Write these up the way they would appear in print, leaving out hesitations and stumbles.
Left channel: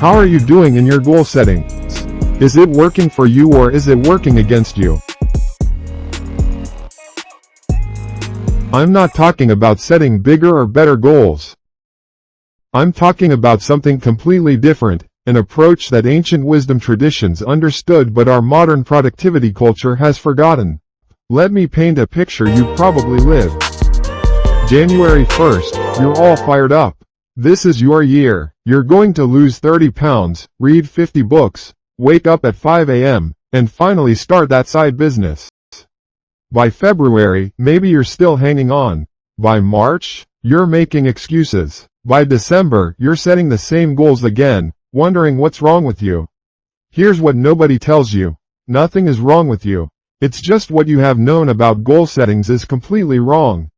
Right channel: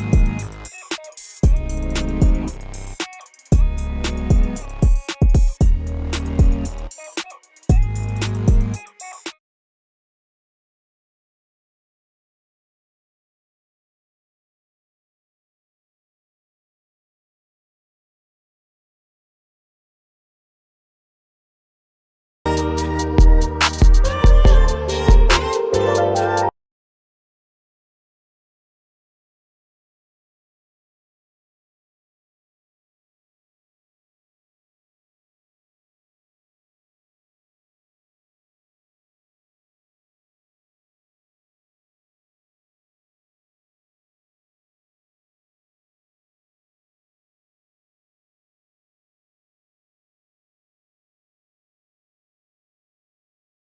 How are you doing in your goal setting? Is it working for you or is it working against you? I'm not talking about setting bigger or better goals. I'm talking about something completely different, an approach that ancient wisdom traditions understood but our modern productivity culture has forgotten. Let me paint a picture you probably lived. January 1st, you're all fired up. This is your year. You're going to lose 30 pounds, read 50 books, wake up at 5 a.m., and finally start that side business. By February, maybe you're still hanging on. By March, you're making excuses. By December, you're setting the same goals again, wondering what's wrong with you. Here's what nobody tells you. Nothing is wrong with you. It's just what you have known about goal settings is completely wrong.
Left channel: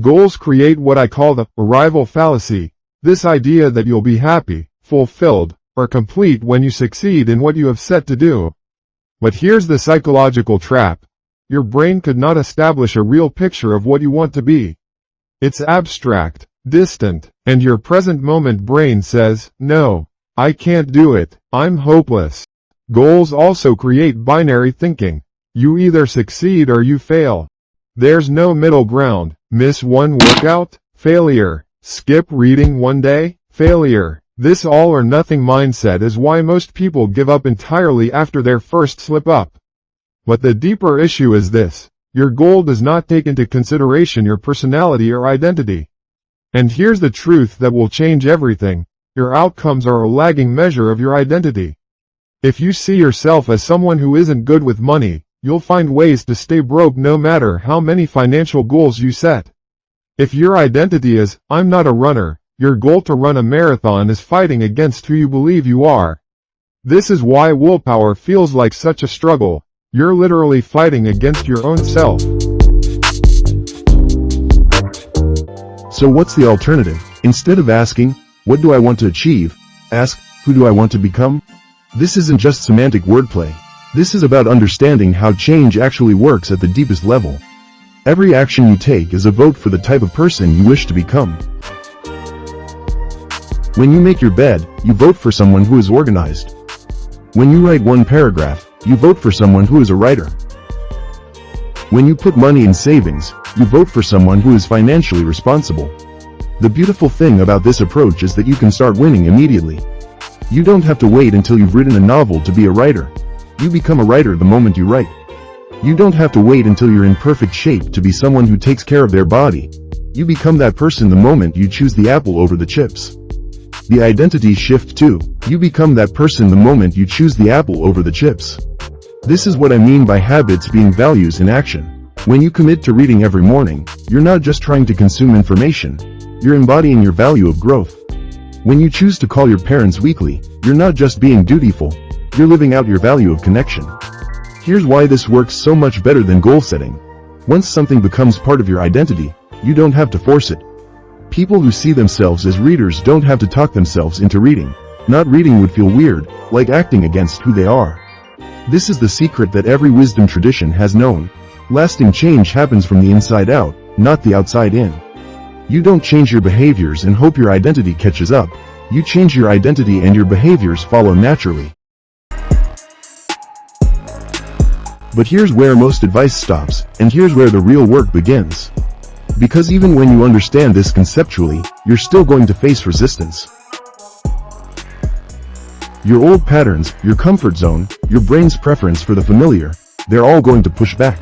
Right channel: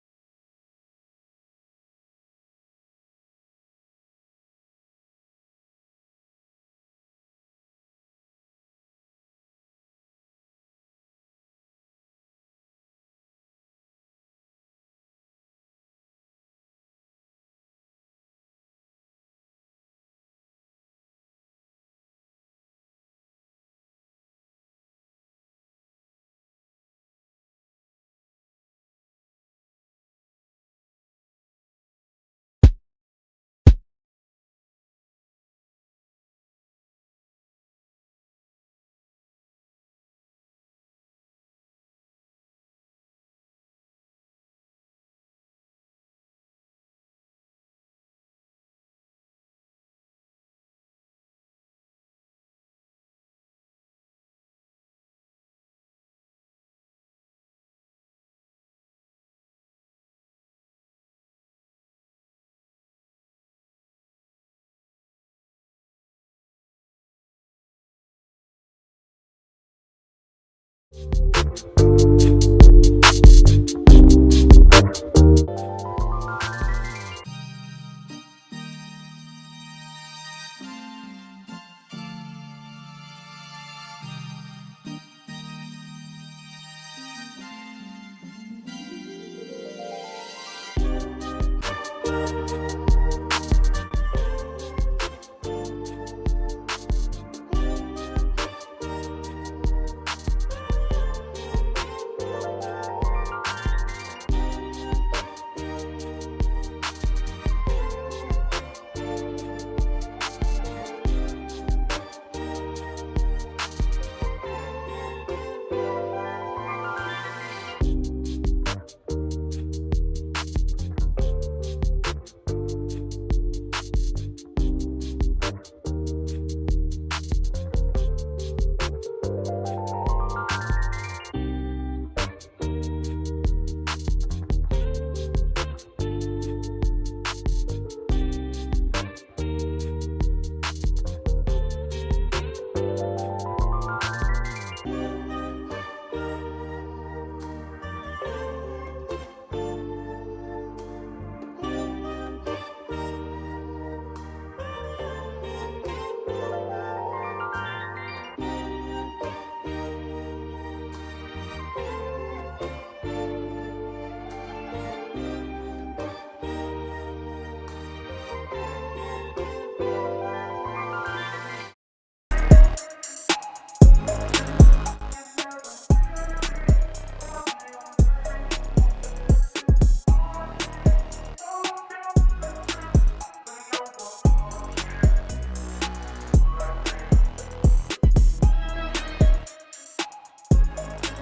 Goals create what I call the arrival fallacy, this idea that you'll be happy, fulfilled, or complete when you succeed in what you have set to do. But here's the psychological trap. Your brain could not establish a real picture of what you want to be. It's abstract, distant, and your present moment brain says, no, I can't do it, I'm hopeless. Goals also create binary thinking. You either succeed or you fail. There's no middle ground. Miss one workout? Failure. Skip reading one day? Failure. This all or nothing mindset is why most people give up entirely after their first slip up. But the deeper issue is this. Your goal does not take into consideration your personality or identity. And here's the truth that will change everything. Your outcomes are a lagging measure of your identity. If you see yourself as someone who isn't good with money, you'll find ways to stay broke no matter how many financial goals you set. If your identity is, I'm not a runner, your goal to run a marathon is fighting against who you believe you are. This is why willpower feels like such a struggle. You're literally fighting against your own self. So what's the alternative? Instead of asking, what do I want to achieve? Ask, who do I want to become? This isn't just semantic wordplay. This is about understanding how change actually works at the deepest level. Every action you take is a vote for the type of person you wish to become. When you make your bed, you vote for someone who is organized. When you write one paragraph, you vote for someone who is a writer. When you put money in savings, you vote for someone who is financially responsible. The beautiful thing about this approach is that you can start winning immediately. You don't have to wait until you've written a novel to be a writer. You become a writer the moment you write. You don't have to wait until you're in perfect shape to be someone who takes care of their body. You become that person the moment you choose the apple over the chips. The identity shift too. You become that person the moment you choose the apple over the chips. This is what I mean by habits being values in action. When you commit to reading every morning, you're not just trying to consume information. You're embodying your value of growth. When you choose to call your parents weekly, you're not just being dutiful. You're living out your value of connection. Here's why this works so much better than goal setting. Once something becomes part of your identity, you don't have to force it. People who see themselves as readers don't have to talk themselves into reading. Not reading would feel weird, like acting against who they are. This is the secret that every wisdom tradition has known. Lasting change happens from the inside out, not the outside in. You don't change your behaviors and hope your identity catches up. You change your identity and your behaviors follow naturally. But here's where most advice stops, and here's where the real work begins. Because even when you understand this conceptually, you're still going to face resistance. Your old patterns, your comfort zone, your brain's preference for the familiar, they're all going to push back.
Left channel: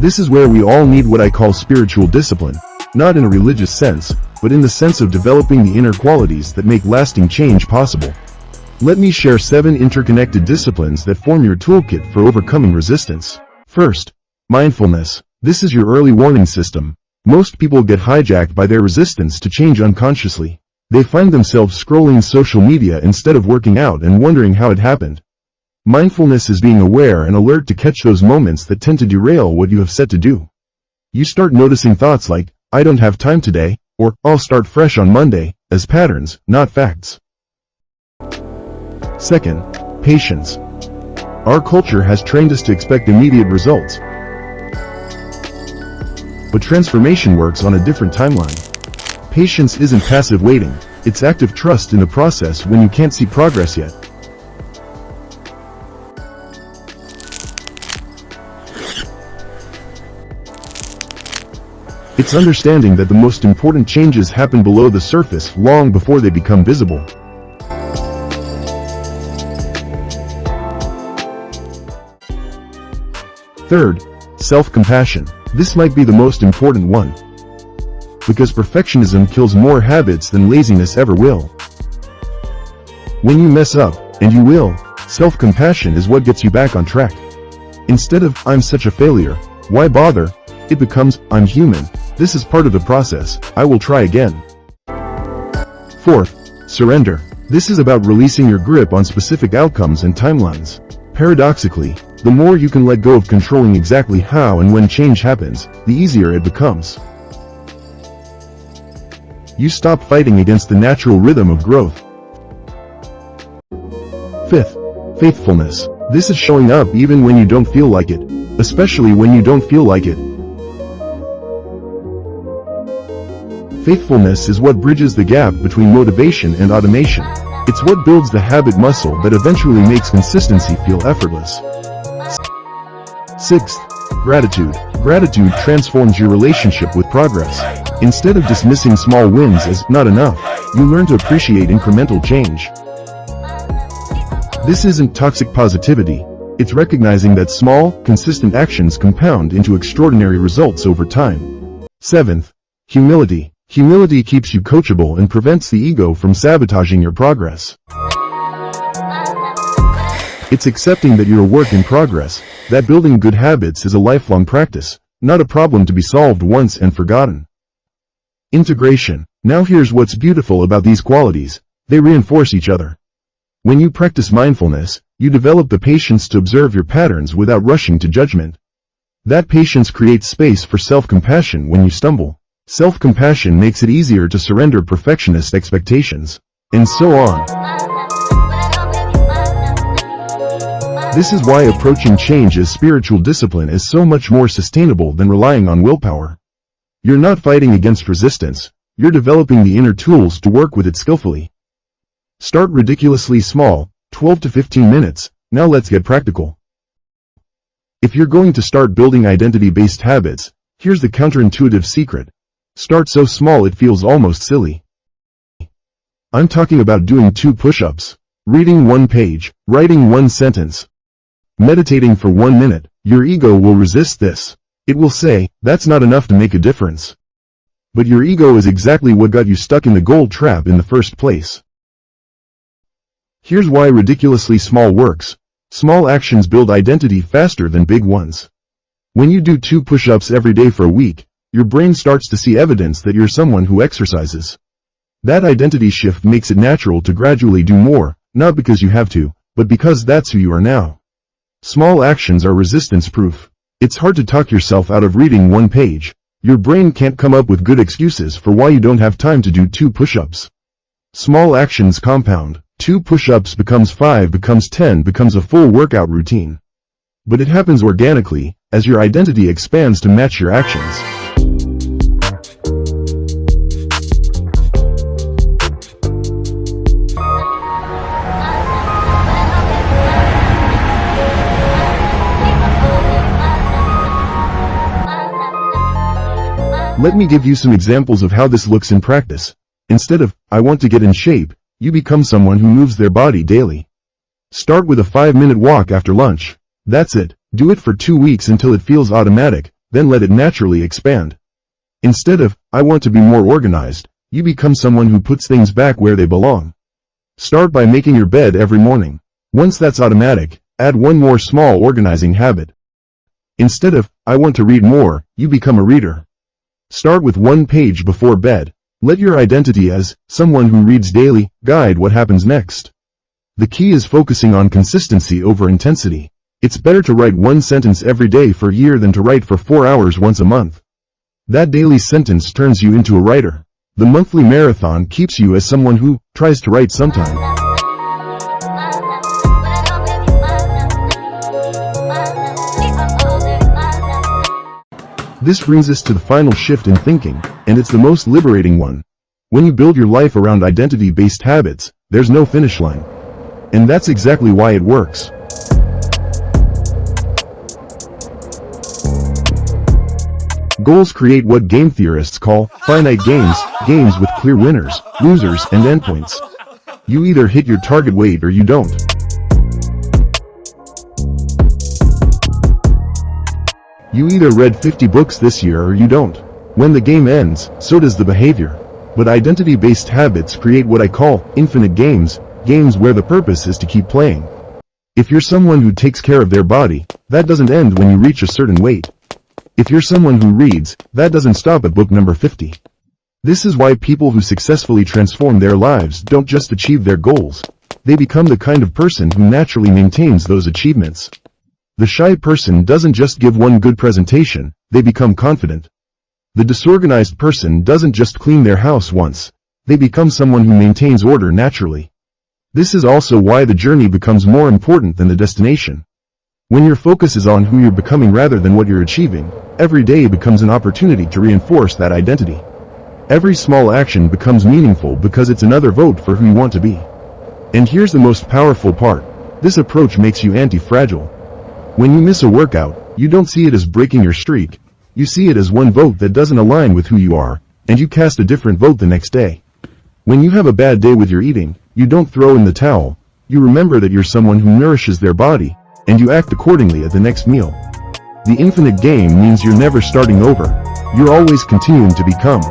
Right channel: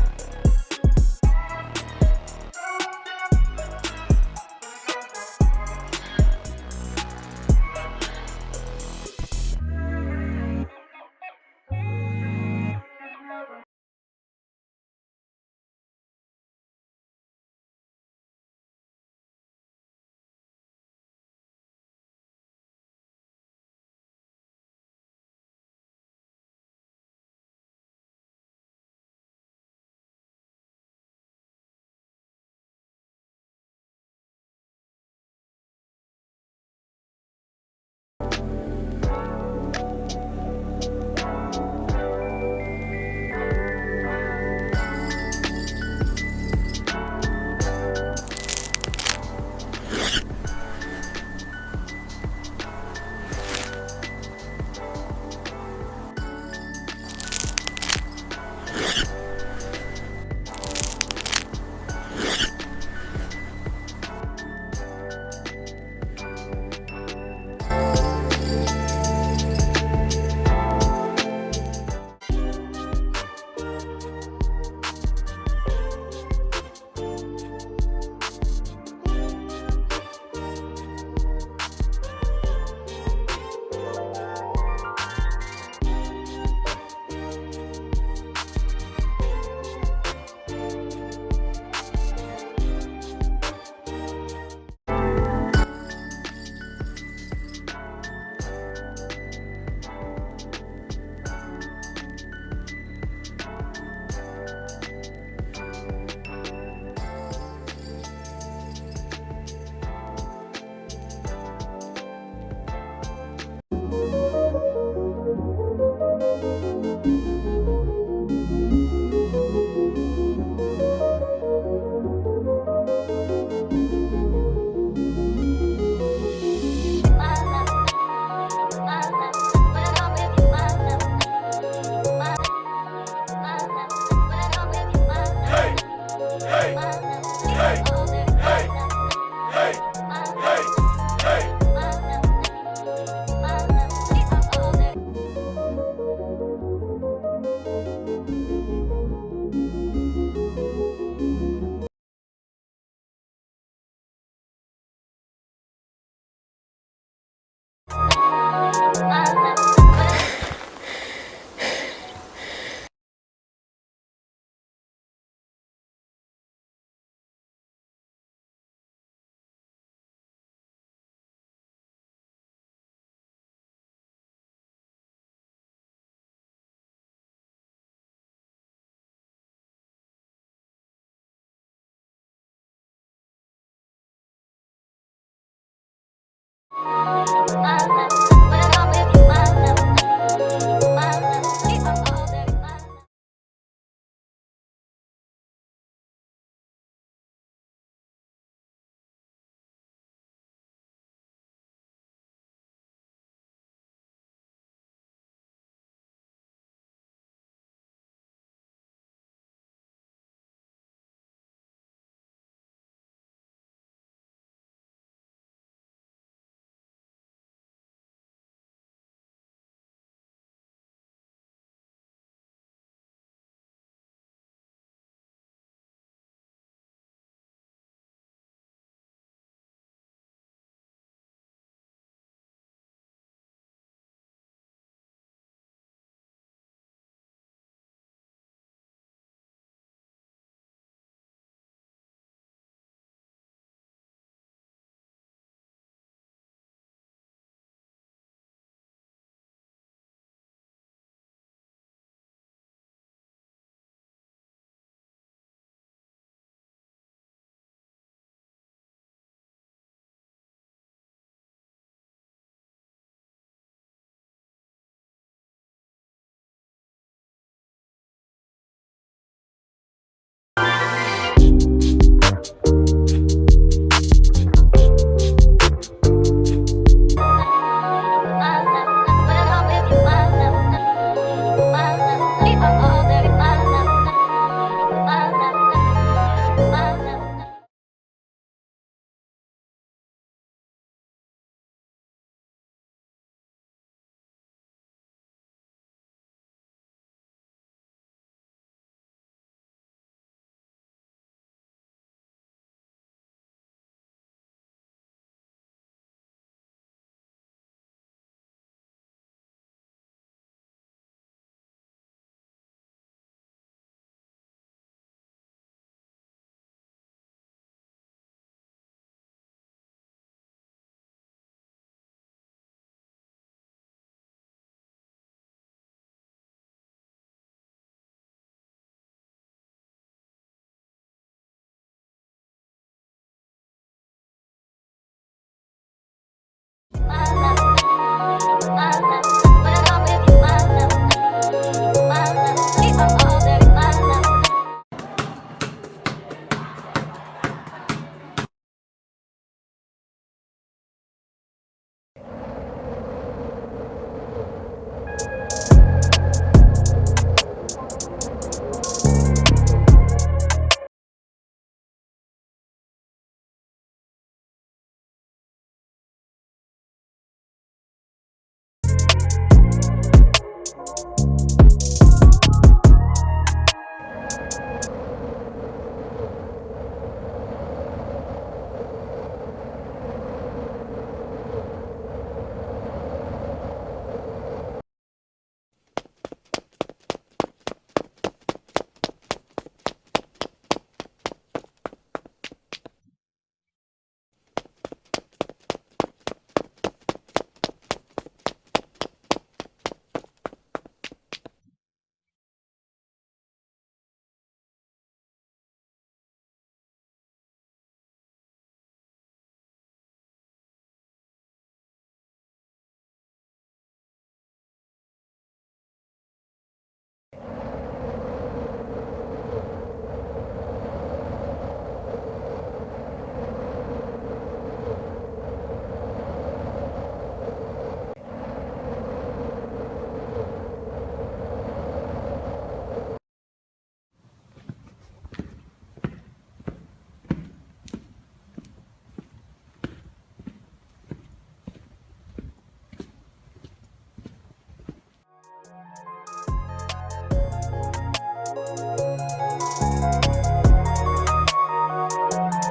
This is where we all need what I call spiritual discipline, not in a religious sense, but in the sense of developing the inner qualities that make lasting change possible. Let me share 7 interconnected disciplines that form your toolkit for overcoming resistance. First, mindfulness. This is your early warning system. Most people get hijacked by their resistance to change unconsciously. They find themselves scrolling social media instead of working out and wondering how it happened. Mindfulness is being aware and alert to catch those moments that tend to derail what you have set to do. You start noticing thoughts like, I don't have time today, or I'll start fresh on Monday, as patterns, not facts. Second, patience. Our culture has trained us to expect immediate results. But transformation works on a different timeline. Patience isn't passive waiting, it's active trust in the process when you can't see progress yet. It's understanding that the most important changes happen below the surface long before they become visible. Third, self-compassion. This might be the most important one, because perfectionism kills more habits than laziness ever will. When you mess up, and you will, self-compassion is what gets you back on track. Instead of, "I'm such a failure, why bother?" it becomes, "I'm human, this is part of the process, I will try again." Fourth, surrender. This is about releasing your grip on specific outcomes and timelines. Paradoxically, the more you can let go of controlling exactly how and when change happens, the easier it becomes. You stop fighting against the natural rhythm of growth. Fifth, faithfulness. This is showing up even when you don't feel like it, especially when you don't feel like it. Faithfulness is what bridges the gap between motivation and automation. It's what builds the habit muscle that eventually makes consistency feel effortless. Sixth, gratitude. Gratitude transforms your relationship with progress. Instead of dismissing small wins as not enough, you learn to appreciate incremental change. This isn't toxic positivity. It's recognizing that small, consistent actions compound into extraordinary results over time. Seventh, humility. Humility keeps you coachable and prevents the ego from sabotaging your progress. It's accepting that you're a work in progress, that building good habits is a lifelong practice, not a problem to be solved once and forgotten. Integration. Now here's what's beautiful about these qualities. They reinforce each other. When you practice mindfulness, you develop the patience to observe your patterns without rushing to judgment. That patience creates space for self-compassion when you stumble. Self-compassion makes it easier to surrender perfectionist expectations. And so on. This is why approaching change as spiritual discipline is so much more sustainable than relying on willpower. You're not fighting against resistance, you're developing the inner tools to work with it skillfully. Start ridiculously small, 12 to 15 minutes, now let's get practical. If you're going to start building identity-based habits, here's the counterintuitive secret. Start so small it feels almost silly. I'm talking about doing 2 push-ups, reading 1 page, writing 1 sentence, meditating for 1 minute. Your ego will resist this. It will say, that's not enough to make a difference. But your ego is exactly what got you stuck in the gold trap in the first place. Here's why ridiculously small works. Small actions build identity faster than big ones. When you do 2 push-ups every day for a week, your brain starts to see evidence that you're someone who exercises. That identity shift makes it natural to gradually do more, not because you have to, but because that's who you are now. Small actions are resistance-proof. It's hard to talk yourself out of reading 1 page. Your brain can't come up with good excuses for why you don't have time to do 2 push-ups. Small actions compound. 2 push-ups becomes 5, becomes 10, becomes a full workout routine. But it happens organically, as your identity expands to match your actions. Let me give you some examples of how this looks in practice. Instead of, "I want to get in shape," you become someone who moves their body daily. Start with a 5-minute walk after lunch. That's it. Do it for 2 weeks until it feels automatic, then let it naturally expand. Instead of, "I want to be more organized," you become someone who puts things back where they belong. Start by making your bed every morning. Once that's automatic, add 1 more small organizing habit. Instead of, "I want to read more," you become a reader. Start with 1 page before bed. Let your identity as someone who reads daily guide what happens next. The key is focusing on consistency over intensity. It's better to write 1 sentence every day for a year than to write for 4 hours once a month. That daily sentence turns you into a writer. The monthly marathon keeps you as someone who tries to write sometime. This brings us to the final shift in thinking, and it's the most liberating one. When you build your life around identity-based habits, there's no finish line. And that's exactly why it works. Goals create what game theorists call finite games, games with clear winners, losers, and endpoints. You either hit your target weight or you don't. You either read 50 books this year or you don't. When the game ends, so does the behavior. But identity-based habits create what I call infinite games, games where the purpose is to keep playing. If you're someone who takes care of their body, that doesn't end when you reach a certain weight. If you're someone who reads, that doesn't stop at book number 50. This is why people who successfully transform their lives don't just achieve their goals. They become the kind of person who naturally maintains those achievements. The shy person doesn't just give one good presentation, they become confident. The disorganized person doesn't just clean their house once, they become someone who maintains order naturally. This is also why the journey becomes more important than the destination. When your focus is on who you're becoming rather than what you're achieving, every day becomes an opportunity to reinforce that identity. Every small action becomes meaningful because it's another vote for who you want to be. And here's the most powerful part. This approach makes you anti-fragile. When you miss a workout, you don't see it as breaking your streak. You see it as one vote that doesn't align with who you are, and you cast a different vote the next day. When you have a bad day with your eating, you don't throw in the towel. You remember that you're someone who nourishes their body, and you act accordingly at the next meal. The infinite game means you're never starting over. You're always continuing to become.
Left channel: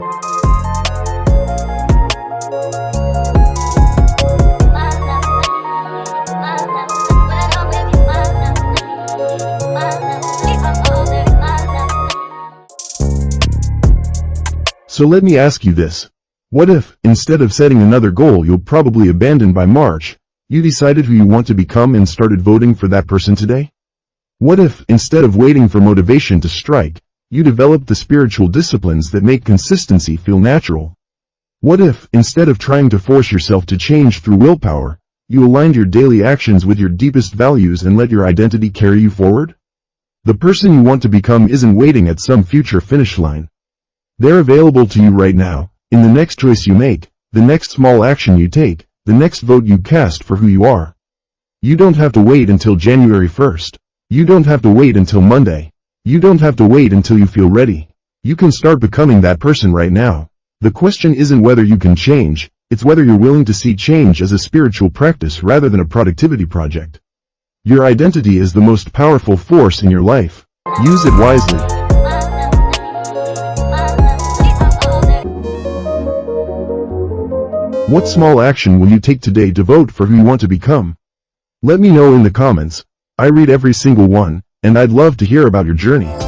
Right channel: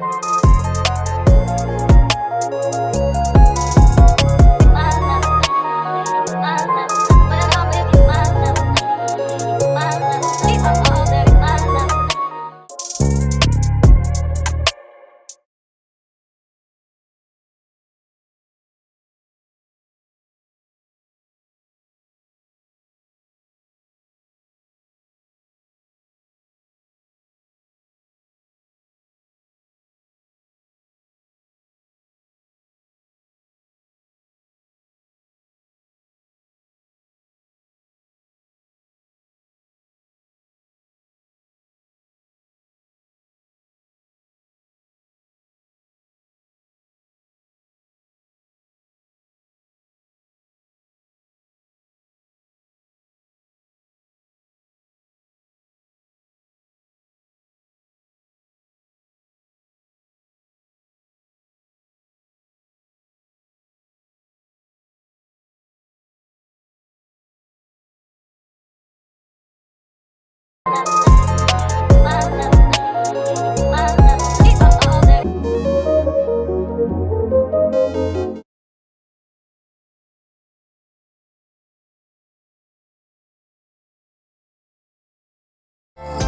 So let me ask you this. What if, instead of setting another goal you'll probably abandon by March, you decided who you want to become and started voting for that person today? What if, instead of waiting for motivation to strike, you developed the spiritual disciplines that make consistency feel natural? What if, instead of trying to force yourself to change through willpower, you aligned your daily actions with your deepest values and let your identity carry you forward? The person you want to become isn't waiting at some future finish line. They're available to you right now, in the next choice you make, the next small action you take, the next vote you cast for who you are. You don't have to wait until January 1st. You don't have to wait until Monday. You don't have to wait until you feel ready. You can start becoming that person right now. The question isn't whether you can change, it's whether you're willing to see change as a spiritual practice rather than a productivity project. Your identity is the most powerful force in your life. Use it wisely. What small action will you take today to vote for who you want to become? Let me know in the comments. I read every single one, and I'd love to hear about your journey.